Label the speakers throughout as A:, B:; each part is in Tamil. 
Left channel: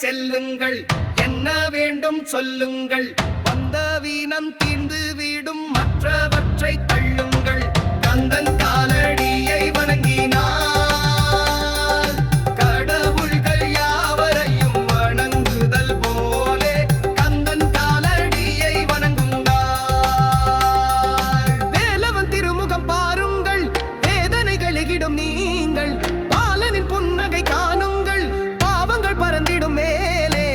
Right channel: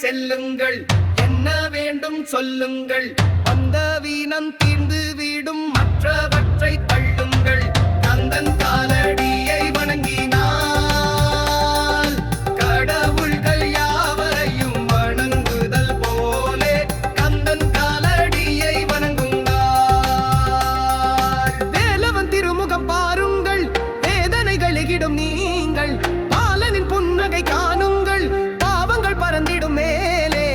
A: செல்லுங்கள். என்ன வேண்டும் சொல்லுங்கள். வந்த வீணம் தீர்ந்து வீடும் மற்றவற்றை தள்ளுங்கள். கந்தன் காலடியை வணங்கினார் கடவுள்கள் யாவரையும் வணங்குதல் போலே கந்தன் காலடியை வணங்குங்கள். வேலவன் திருமுகம் பாருங்கள். வேதனைகள் எகிடும் நீங்கள். பாலனின் புன்னகை காணுங்கள். பாவங்கள் பறந்திடும் மேலே.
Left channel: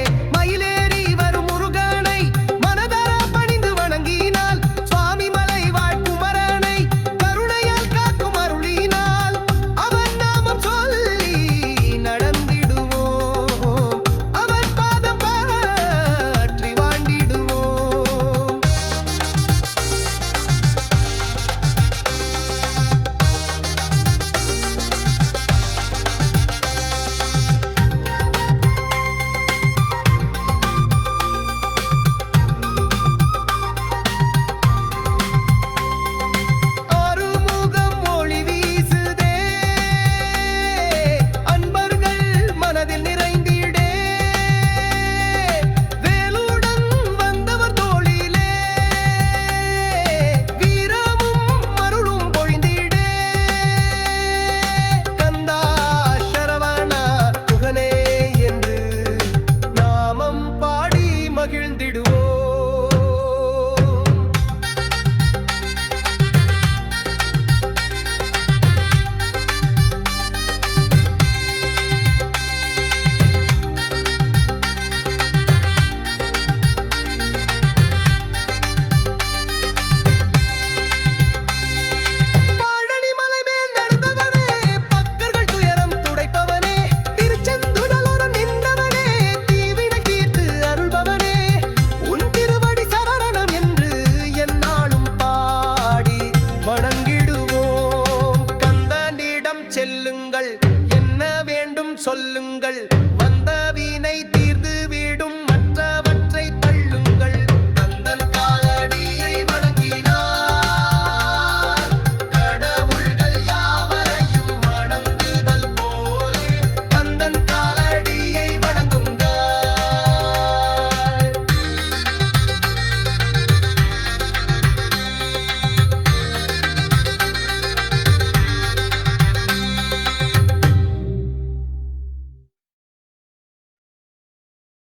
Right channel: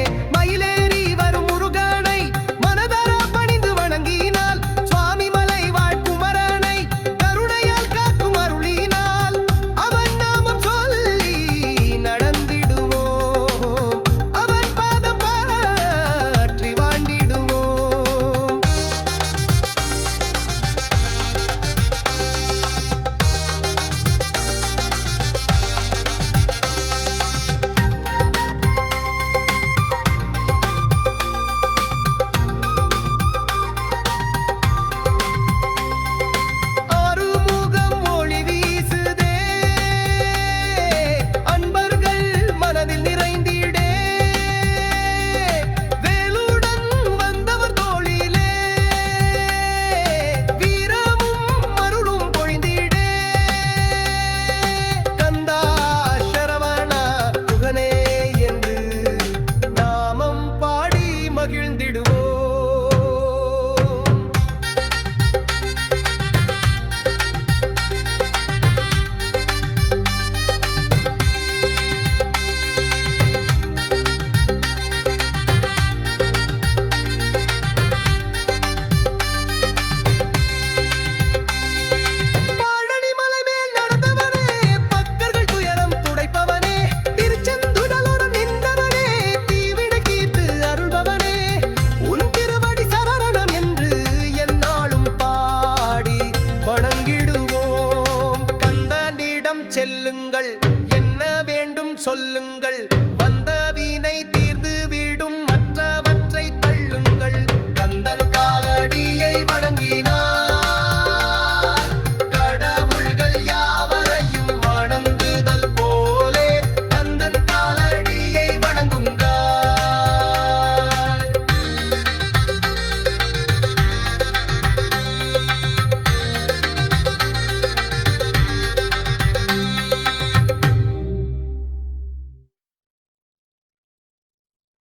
A: செல்லுங்கள். என்ன வேண்டும் சொல்லுங்கள். வந்த வீணை தீ